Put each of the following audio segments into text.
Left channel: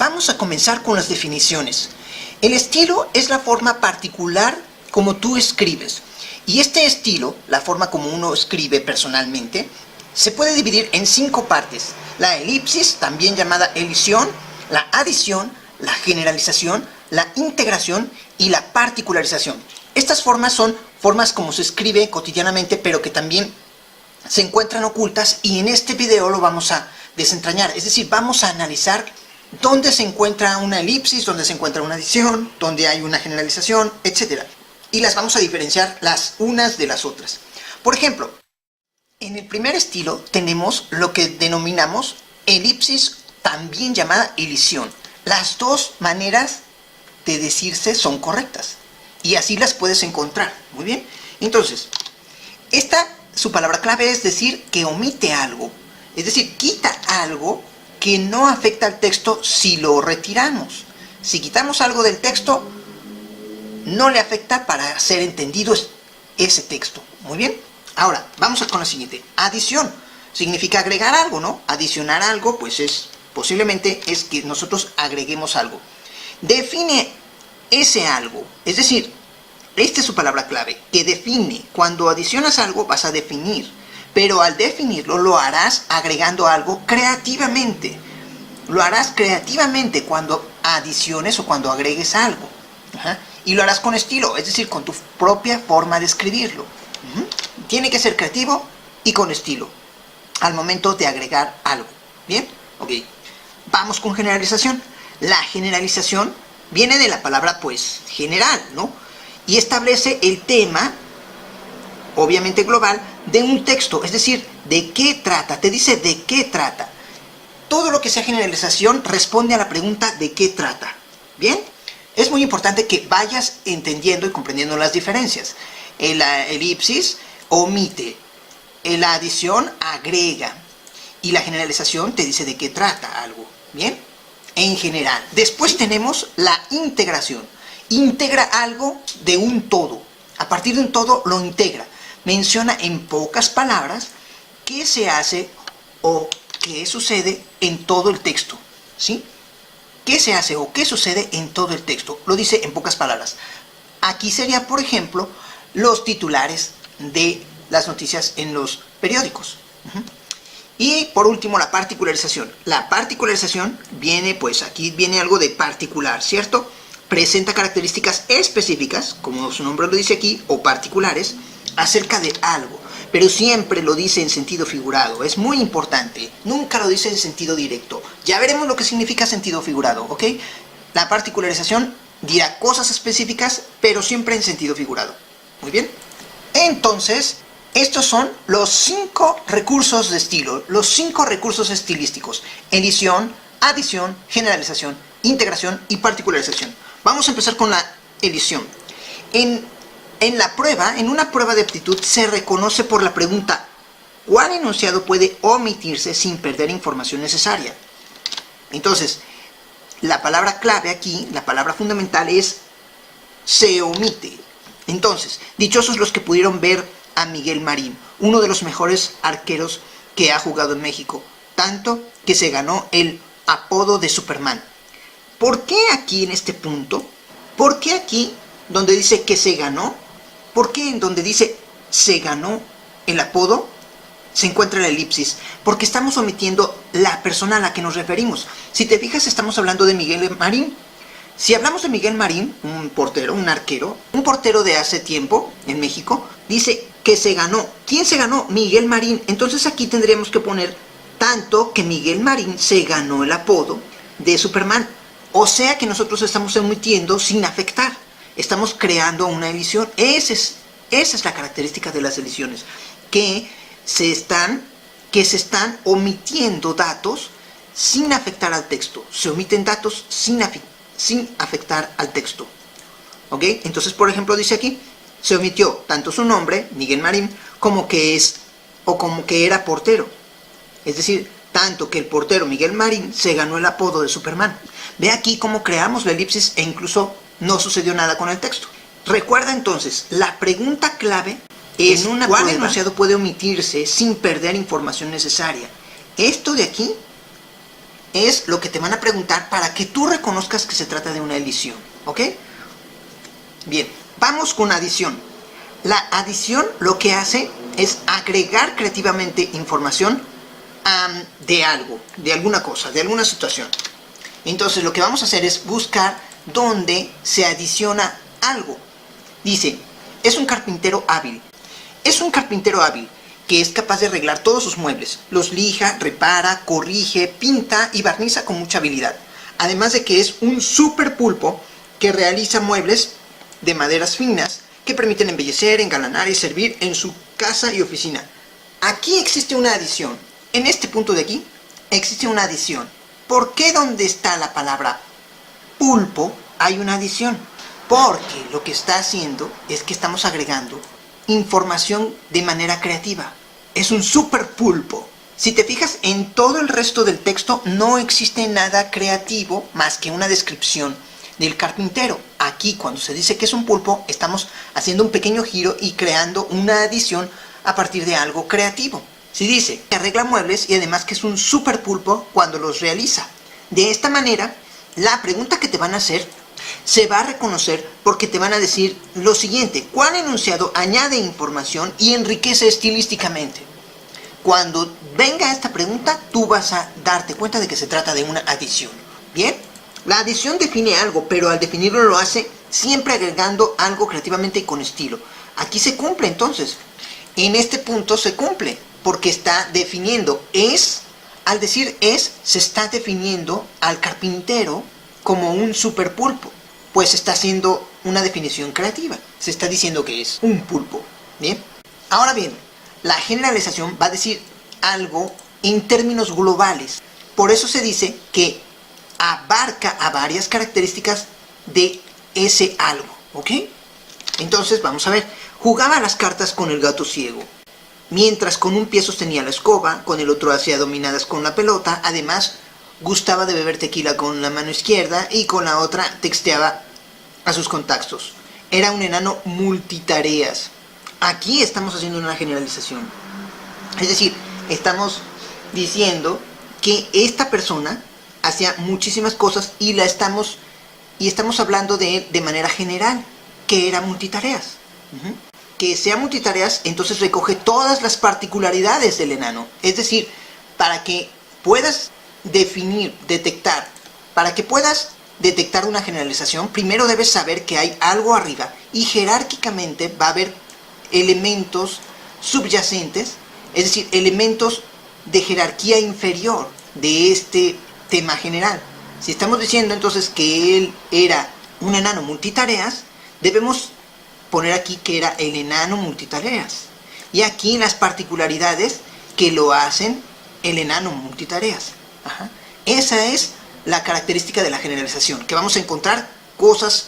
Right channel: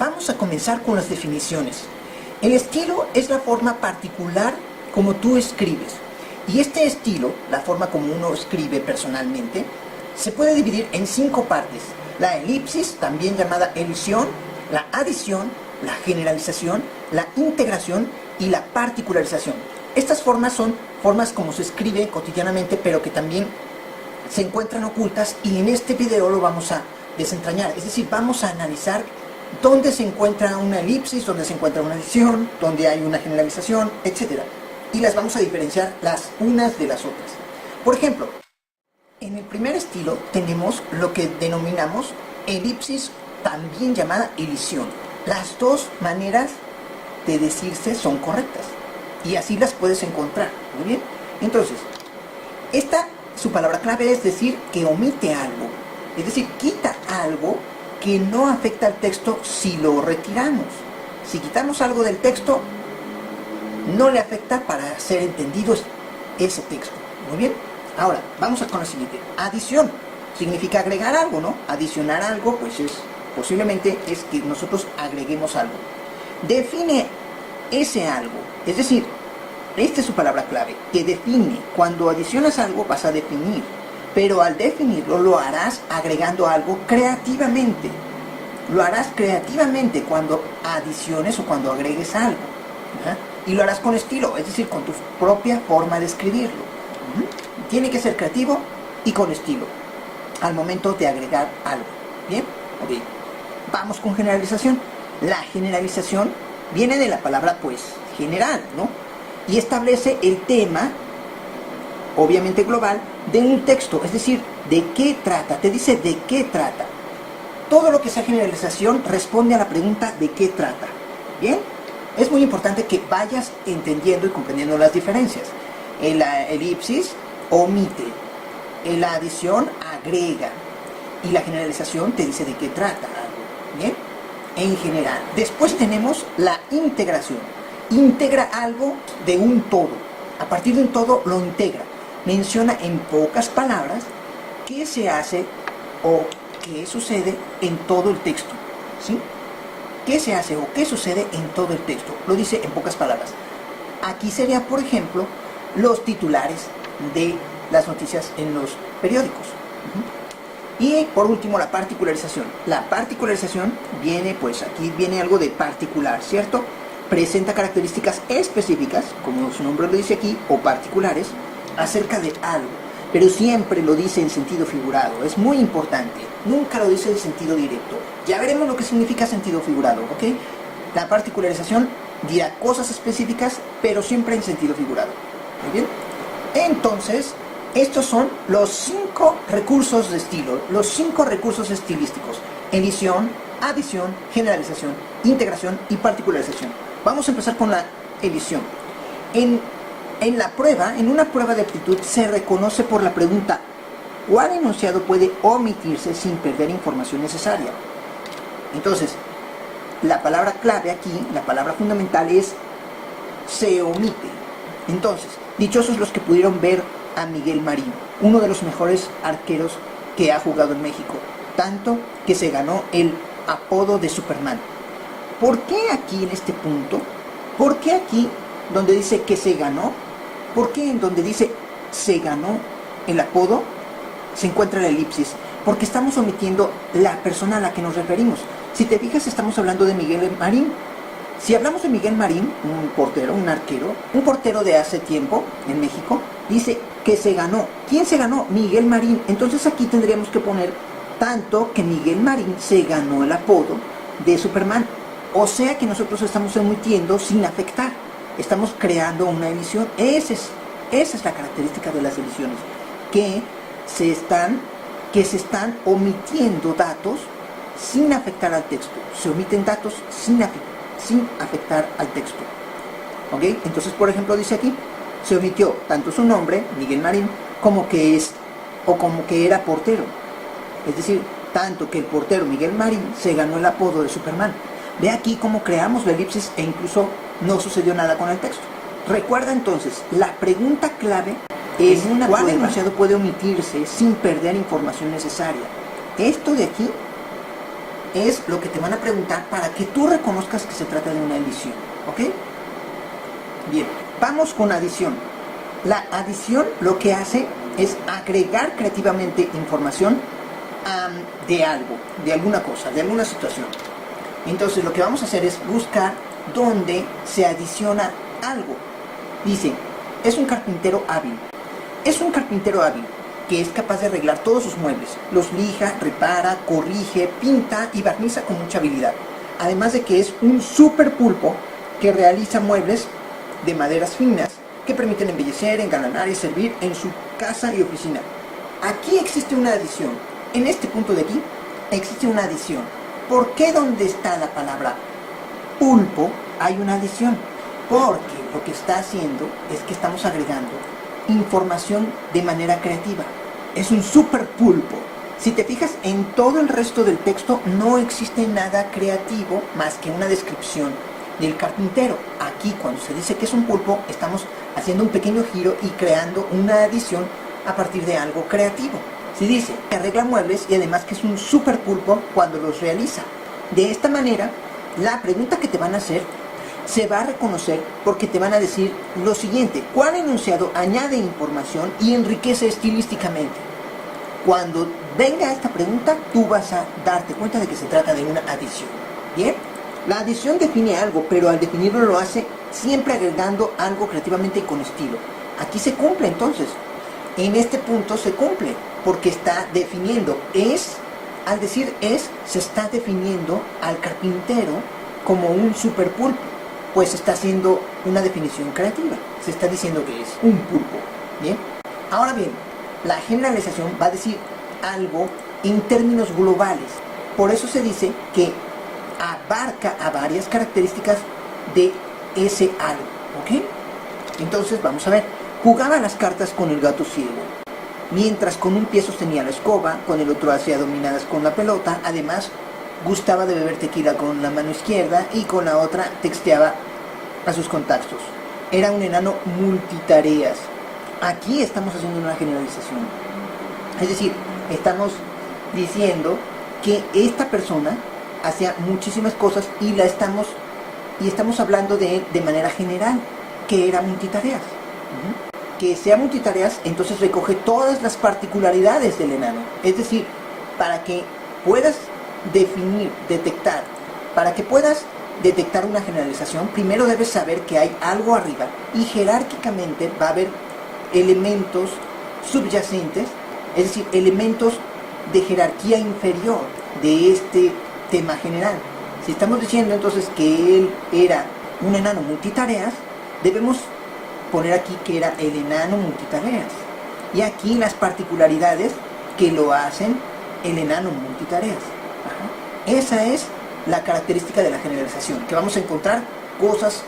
Vamos a comenzar con las definiciones. El estilo es la forma particular como tú escribes. Y este estilo, la forma como uno escribe personalmente, se puede dividir en 5 partes. La elipsis, también llamada elisión, la adición, la generalización, la integración y la particularización. Estas formas son formas como se escribe cotidianamente, pero que también se encuentran ocultas, y en este video lo vamos a desentrañar. Es decir, vamos a analizar dónde se encuentra una elipsis, dónde se encuentra una adición, dónde hay una generalización, etc. Y las vamos a diferenciar las unas de las otras. Por ejemplo, en el primer estilo tenemos lo que denominamos elipsis, también llamada elisión. Las dos maneras de decirse son correctas y así las puedes encontrar. Muy bien. Entonces, su palabra clave es decir que omite algo. Es decir, quita algo que no afecta al texto si lo retiramos. Si quitamos algo del texto, no le afecta para ser entendido ese texto. Muy bien. Ahora, vamos con la siguiente. Adición. Significa agregar algo, ¿no? Adicionar algo, pues posiblemente es que nosotros agreguemos algo. Define ese algo. Es decir, esta es su palabra clave, que define. Cuando adicionas algo, vas a definir. Pero al definirlo, lo harás agregando algo creativamente. Lo harás creativamente cuando adiciones o cuando agregues algo. Y lo harás con estilo, es decir, con tu propia forma de escribirlo. Tiene que ser creativo y con estilo al momento de agregar algo. ¿Bien? Ok. Vamos con generalización. La generalización viene de la palabra, pues, general, ¿no? Y establece el tema, obviamente global, de un texto. Es decir, ¿de qué trata? Te dice de qué trata. Todo lo que sea generalización responde a la pregunta ¿de qué trata? ¿Bien? Es muy importante que vayas entendiendo y comprendiendo las diferencias. La elipsis omite, la adición agrega, y la generalización te dice de qué trata algo. ¿Bien? En general. Después tenemos la integración. Integra algo de un todo. A partir de un todo lo integra. Menciona en pocas palabras qué se hace o qué sucede en todo el texto. ¿Sí? ¿Qué se hace o qué sucede en todo el texto? Lo dice en pocas palabras. Aquí sería, por ejemplo, los titulares de las noticias en los periódicos. Y por último, la particularización. La particularización viene, pues aquí viene algo de particular, ¿cierto? Presenta características específicas, como su nombre lo dice aquí, o particulares, acerca de algo. Pero siempre lo dice en sentido figurado. Es muy importante. Nunca lo dice en sentido directo. Ya veremos lo que significa sentido figurado, ¿ok? La particularización dirá cosas específicas, pero siempre en sentido figurado. Muy bien. Entonces, estos son los 5 recursos de estilo, los 5 recursos estilísticos: edición, adición, generalización, integración y particularización. Vamos a empezar con la edición. En una prueba de aptitud se reconoce por la pregunta ¿cuál enunciado puede omitirse sin perder información necesaria? Entonces, la palabra clave aquí, la palabra fundamental es se omite. Entonces, dichosos los que pudieron ver a Miguel Marín, uno de los mejores arqueros que ha jugado en México, tanto que se ganó el apodo de Superman. ¿Por qué aquí en este punto? ¿Por qué aquí donde dice que se ganó? ¿Por qué en donde dice se ganó el apodo se encuentra la elipsis? Porque estamos omitiendo la persona a la que nos referimos. Si te fijas, estamos hablando de Miguel Marín. Si hablamos de Miguel Marín, un portero, un arquero, un portero de hace tiempo en México, dice que se ganó. ¿Quién se ganó? Miguel Marín. Entonces aquí tendríamos que poner tanto que Miguel Marín se ganó el apodo de Superman. O sea que nosotros estamos omitiendo sin afectar. Estamos creando una edición. Esa es la característica de las ediciones. Que se están omitiendo datos sin afectar al texto. Se omiten datos sin afectar al texto. ¿Ok? Entonces, por ejemplo, dice aquí, se omitió tanto su nombre, Miguel Marín, como que era portero. Es decir, tanto que el portero Miguel Marín se ganó el apodo de Superman. Ve aquí cómo creamos la elipsis e incluso no sucedió nada con el texto. Recuerda entonces, la pregunta clave es ¿cuál enunciado puede omitirse sin perder información necesaria? Esto de aquí es lo que te van a preguntar para que tú reconozcas que se trata de una adición, ¿ok? Bien, vamos con adición. La adición lo que hace es agregar creativamente información de algo, de alguna cosa, de alguna situación. Entonces lo que vamos a hacer es buscar dónde se adiciona algo. Dice, es un carpintero hábil. Es un carpintero hábil que es capaz de arreglar todos sus muebles. Los lija, repara, corrige, pinta y barniza con mucha habilidad. Además de que es un super pulpo que realiza muebles de maderas finas que permiten embellecer, engalanar y servir en su casa y oficina. Aquí existe una adición. En este punto de aquí existe una adición. ¿Por qué donde está la palabra pulpo hay una adición? Porque lo que está haciendo es que estamos agregando información de manera creativa. Es un super pulpo. Si te fijas, en todo el resto del texto no existe nada creativo más que una descripción del carpintero. Aquí, cuando se dice que es un pulpo, estamos haciendo un pequeño giro y creando una adición a partir de algo creativo. Si dice que arregla muebles y además que es un super pulpo cuando los realiza. De esta manera, la pregunta que te van a hacer se va a reconocer porque te van a decir lo siguiente: ¿cuál enunciado añade información y enriquece estilísticamente? Cuando venga esta pregunta, tú vas a darte cuenta de que se trata de una adición. ¿Bien? La adición define algo, pero al definirlo lo hace siempre agregando algo creativamente y con estilo. Aquí se cumple entonces. En este punto se cumple, porque está definiendo es, al decir es, se está definiendo al carpintero como un super pulpo, pues está haciendo una definición creativa. Se está diciendo que es un pulpo. ¿Bien? Ahora bien, la generalización va a decir algo en términos globales. Por eso se dice que abarca a varias características de ese algo, ¿ok? Entonces vamos a ver. Jugaba a las cartas con el gato ciego. Mientras con un pie sostenía la escoba, con el otro hacía dominadas con la pelota. Además, gustaba de beber tequila con la mano izquierda y con la otra texteaba a sus contactos. Era un enano multitareas. Aquí estamos haciendo una generalización. Es decir, estamos diciendo que esta persona hacía muchísimas cosas y estamos hablando de él de manera general, que era multitareas. Que sea multitareas, entonces recoge todas las particularidades del enano. Es decir, para que puedas detectar una generalización, primero debes saber que hay algo arriba y jerárquicamente va a haber elementos subyacentes, es decir, elementos de jerarquía inferior de este tema general. Si estamos diciendo entonces que él era un enano multitareas, debemos poner aquí que era el enano multitareas. Y aquí las particularidades que lo hacen el enano multitareas. Esa es la característica de la generalización, que vamos a encontrar cosas,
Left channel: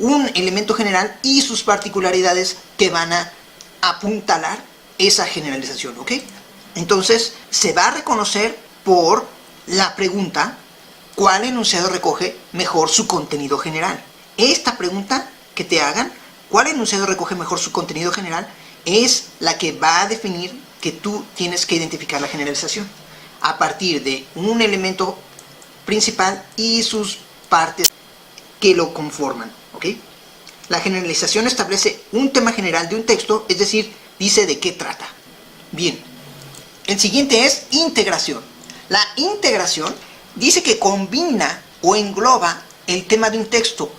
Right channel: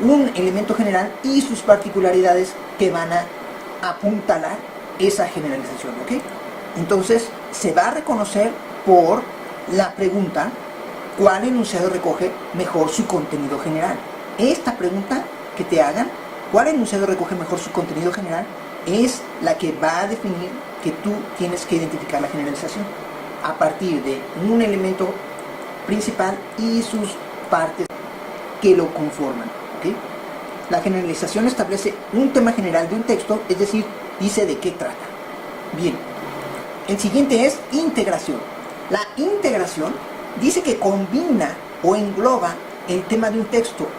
un elemento general y sus particularidades que van a apuntalar esa generalización, ¿ok? Entonces se va a reconocer por la pregunta: ¿cuál enunciado recoge mejor su contenido general? Esta pregunta que te hagan, ¿cuál enunciado recoge mejor su contenido general?, es la que va a definir que tú tienes que identificar la generalización a partir de un elemento principal y sus partes que lo conforman, ¿ok? La generalización establece un tema general de un texto, es decir, dice de qué trata. Bien, el siguiente es integración. La integración dice que combina o engloba el tema de un texto,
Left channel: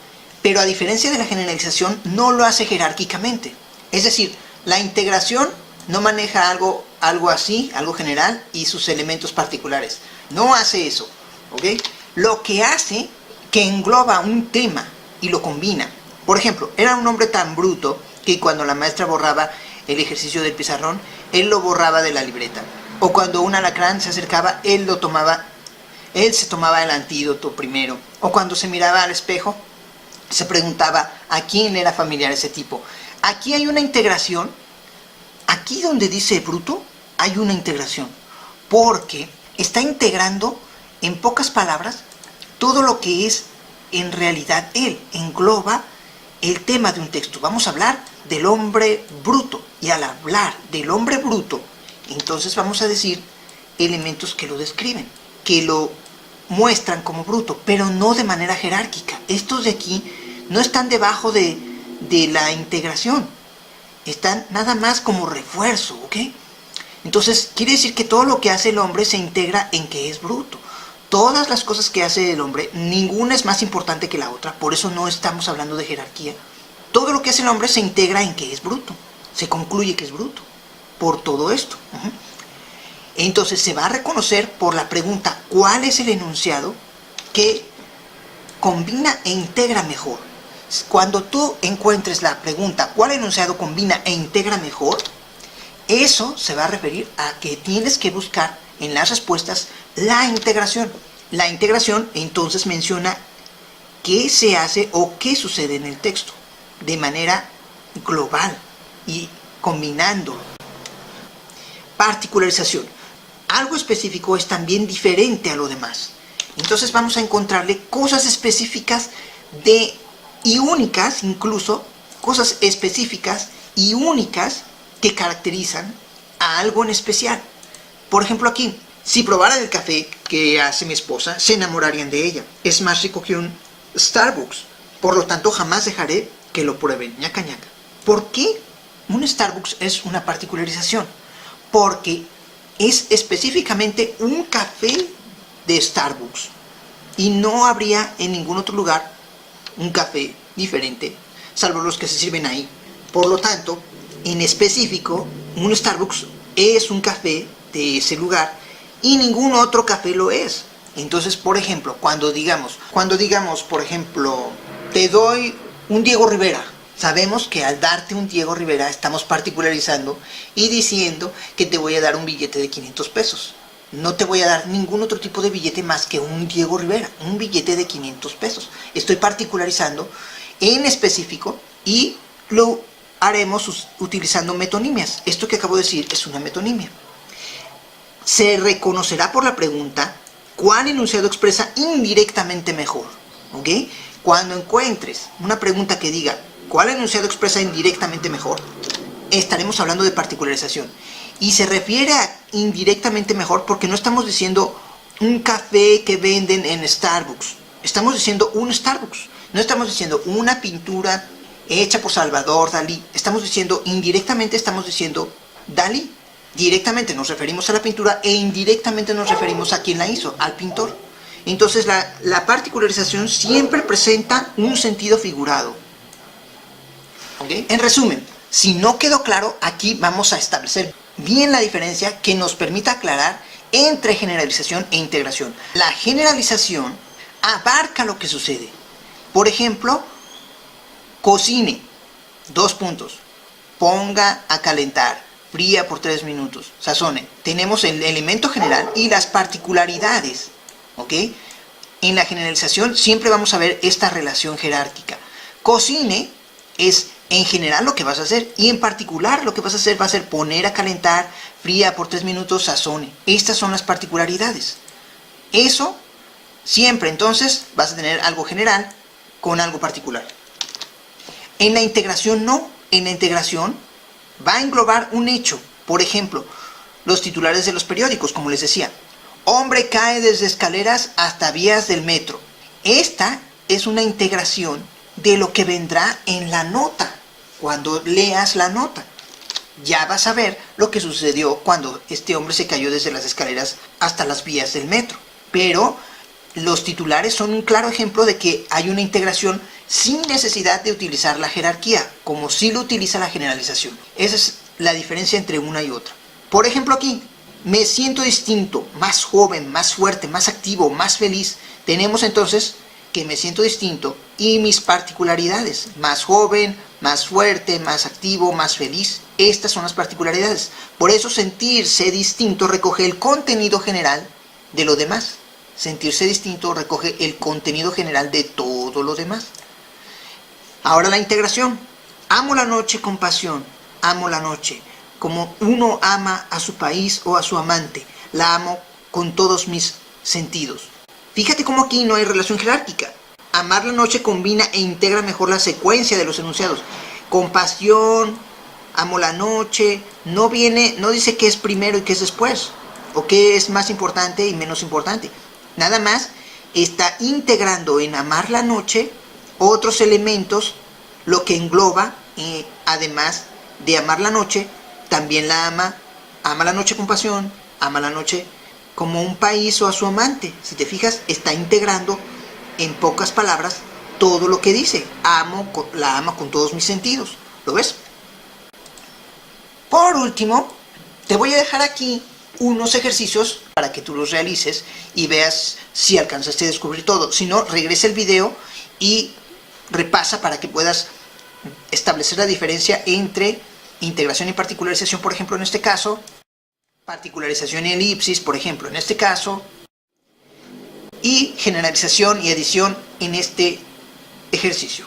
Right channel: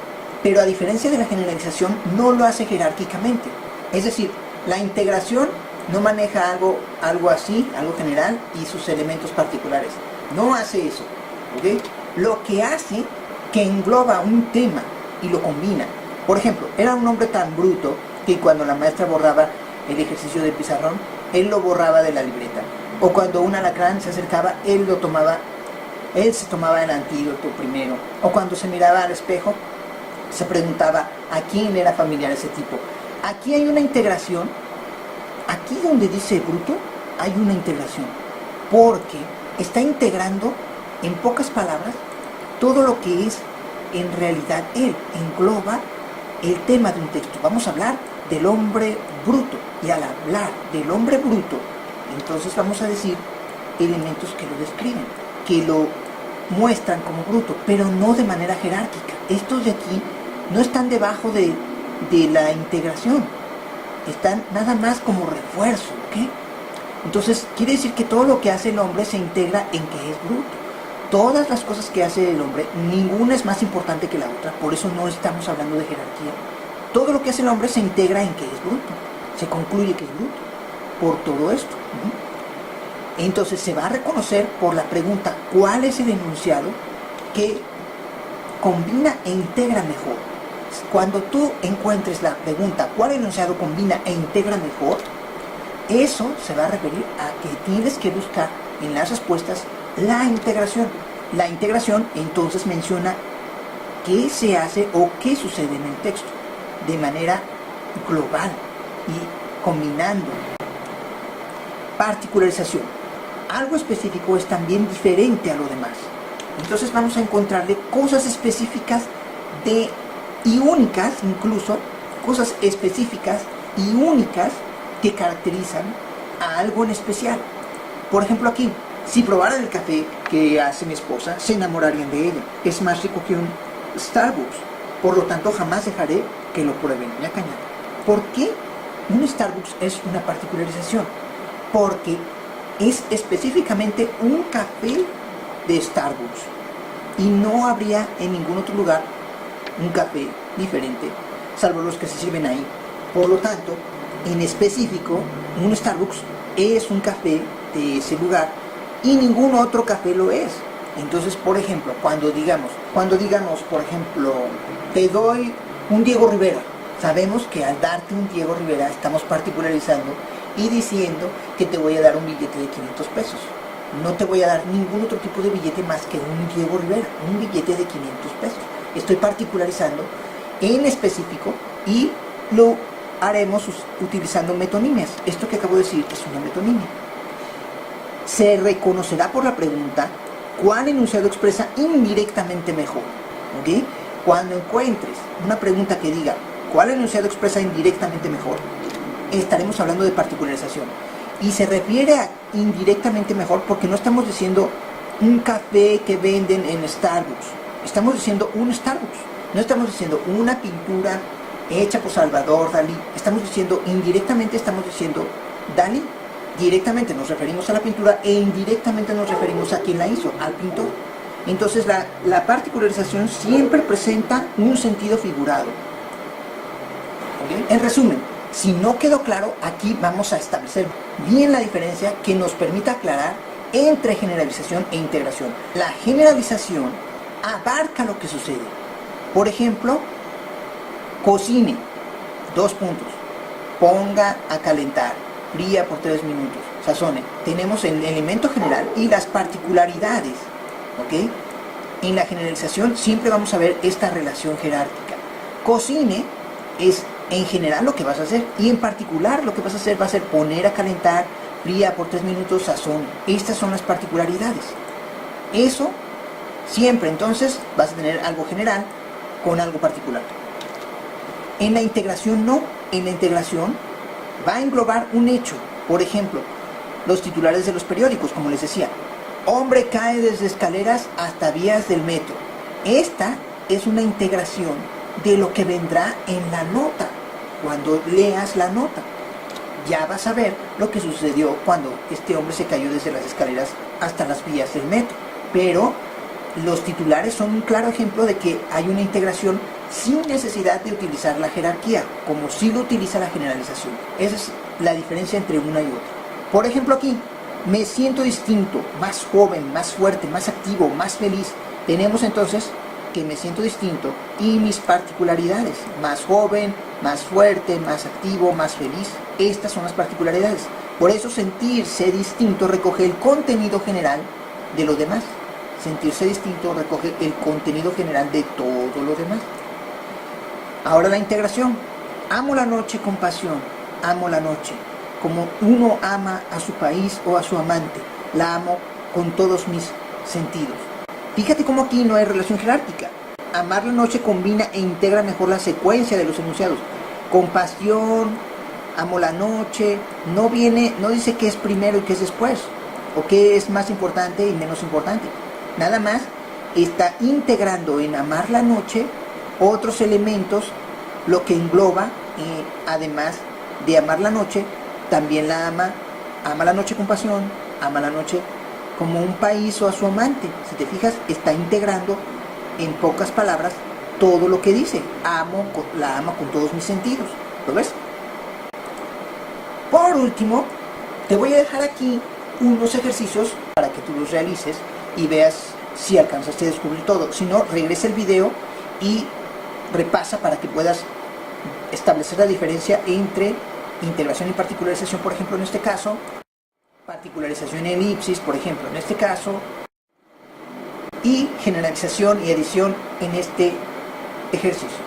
pero a diferencia de la generalización no lo hace jerárquicamente. Es decir, la integración no maneja algo así, algo general y sus elementos particulares. No hace eso, ¿ok? Lo que hace que engloba un tema y lo combina. Por ejemplo, era un hombre tan bruto que cuando la maestra borraba el ejercicio del pizarrón, él lo borraba de la libreta. O cuando un alacrán se acercaba, él se tomaba el antídoto primero. O cuando se miraba al espejo, se preguntaba a quién era familiar ese tipo. Aquí hay una integración. Aquí donde dice bruto, hay una integración. Porque está integrando, en pocas palabras, todo lo que es en realidad él. Engloba el tema de un texto. Vamos a hablar del hombre bruto. Y al hablar del hombre bruto, entonces vamos a decir elementos que lo describen, que lo muestran como bruto, pero no de manera jerárquica. Estos de aquí no están debajo de la integración, están nada más como refuerzo, ¿ok? Entonces quiere decir que todo lo que hace el hombre se integra en que es bruto. Todas las cosas que hace el hombre, ninguna es más importante que la otra, por eso no estamos hablando de jerarquía. Todo lo que hace el hombre se integra en que es bruto, se concluye que es bruto, por todo esto. Entonces se va a reconocer por la pregunta, ¿cuál es el enunciado que combina e integra mejor? Cuando tú encuentres la pregunta, ¿cuál enunciado combina e integra mejor? Eso se va a referir a que tienes que buscar en las respuestas la integración. La integración entonces menciona qué se hace o qué sucede en el texto de manera global y combinando. Particularización. Algo específico es también diferente a lo demás. Entonces vamos a encontrarle cosas específicas y únicas, incluso cosas específicas y únicas que caracterizan a algo en especial. Por ejemplo aquí, si probaran el café que hace mi esposa, se enamorarían de ella. Es más rico que un Starbucks. Por lo tanto, jamás dejaré que lo prueben. Ñaca ñaca. ¿Por qué un Starbucks es una particularización? Porque es específicamente un café de Starbucks. Y no habría en ningún otro lugar un café diferente, salvo los que se sirven ahí. Por lo tanto, en específico, un Starbucks es un café de ese lugar y ningún otro café lo es. Entonces, por ejemplo, cuando digamos, por ejemplo, te doy un Diego Rivera, sabemos que al darte un Diego Rivera estamos particularizando y diciendo que te voy a dar un billete de 500 pesos. No te voy a dar ningún otro tipo de billete más que un Diego Rivera, un billete de 500 pesos. Estoy particularizando en específico y lo haremos utilizando metonimias. Esto que acabo de decir es una metonimia. Se reconocerá por la pregunta cuál enunciado expresa indirectamente mejor. ¿Ok? Cuando encuentres una pregunta que diga cuál enunciado expresa indirectamente mejor, estaremos hablando de particularización. Y se refiere a indirectamente mejor porque no estamos diciendo un café que venden en Starbucks. Estamos diciendo un Starbucks. No estamos diciendo una pintura hecha por Salvador Dalí. Estamos diciendo, indirectamente estamos diciendo Dalí. Directamente nos referimos a la pintura e indirectamente nos referimos a quien la hizo, al pintor. Entonces la particularización siempre presenta un sentido figurado. ¿Okay? En resumen, si no quedó claro, aquí vamos a establecer bien la diferencia que nos permita aclarar entre generalización e integración. La generalización abarca lo que sucede. Por ejemplo, cocine, 2 puntos, ponga a calentar, fría por 3 minutos, sazone. Tenemos el elemento general y las particularidades, ¿ok? En la generalización siempre vamos a ver esta relación jerárquica. Cocine es en general lo que vas a hacer y en particular lo que vas a hacer va a ser poner a calentar, fría por 3 minutos, sazone. Estas son las particularidades. Eso siempre entonces vas a tener algo general con algo particular. En la integración no. En la integración va a englobar un hecho. Por ejemplo, los titulares de los periódicos, como les decía. Hombre cae desde escaleras hasta vías del metro. Esta es una integración de lo que vendrá en la nota. Cuando leas la nota, ya vas a ver lo que sucedió cuando este hombre se cayó desde las escaleras hasta las vías del metro. Pero los titulares son un claro ejemplo de que hay una integración sin necesidad de utilizar la jerarquía, como sí lo utiliza la generalización. Esa es la diferencia entre una y otra. Por ejemplo aquí, me siento distinto, más joven, más fuerte, más activo, más feliz. Tenemos entonces que me siento distinto y mis particularidades, más joven, más fuerte, más activo, más feliz. Estas son las particularidades. Por eso sentirse distinto recoge el contenido general de lo demás. Sentirse distinto recoge el contenido general de todo lo demás. Ahora la integración. Amo la noche con pasión. Amo la noche como uno ama a su país o a su amante. La amo con todos mis sentidos. Fíjate cómo aquí no hay relación jerárquica. Amar la noche combina e integra mejor la secuencia de los enunciados. Compasión, amo la noche, no dice qué es primero y qué es después, o qué es más importante y menos importante. Nada más está integrando en amar la noche otros elementos, lo que engloba, además de amar la noche, también la ama la noche con pasión, ama la noche como un país o a su amante. Si te fijas, está integrando en pocas palabras todo lo que dice. La amo con todos mis sentidos. ¿Lo ves? Por último, te voy a dejar aquí unos ejercicios para que tú los realices y veas si alcanzaste a descubrir todo. Si no, regresa el video y repasa para que puedas establecer la diferencia entre integración y particularización, por ejemplo, en este caso, particularización y elipsis, por ejemplo, en este caso, y generalización y adición en este ejercicio.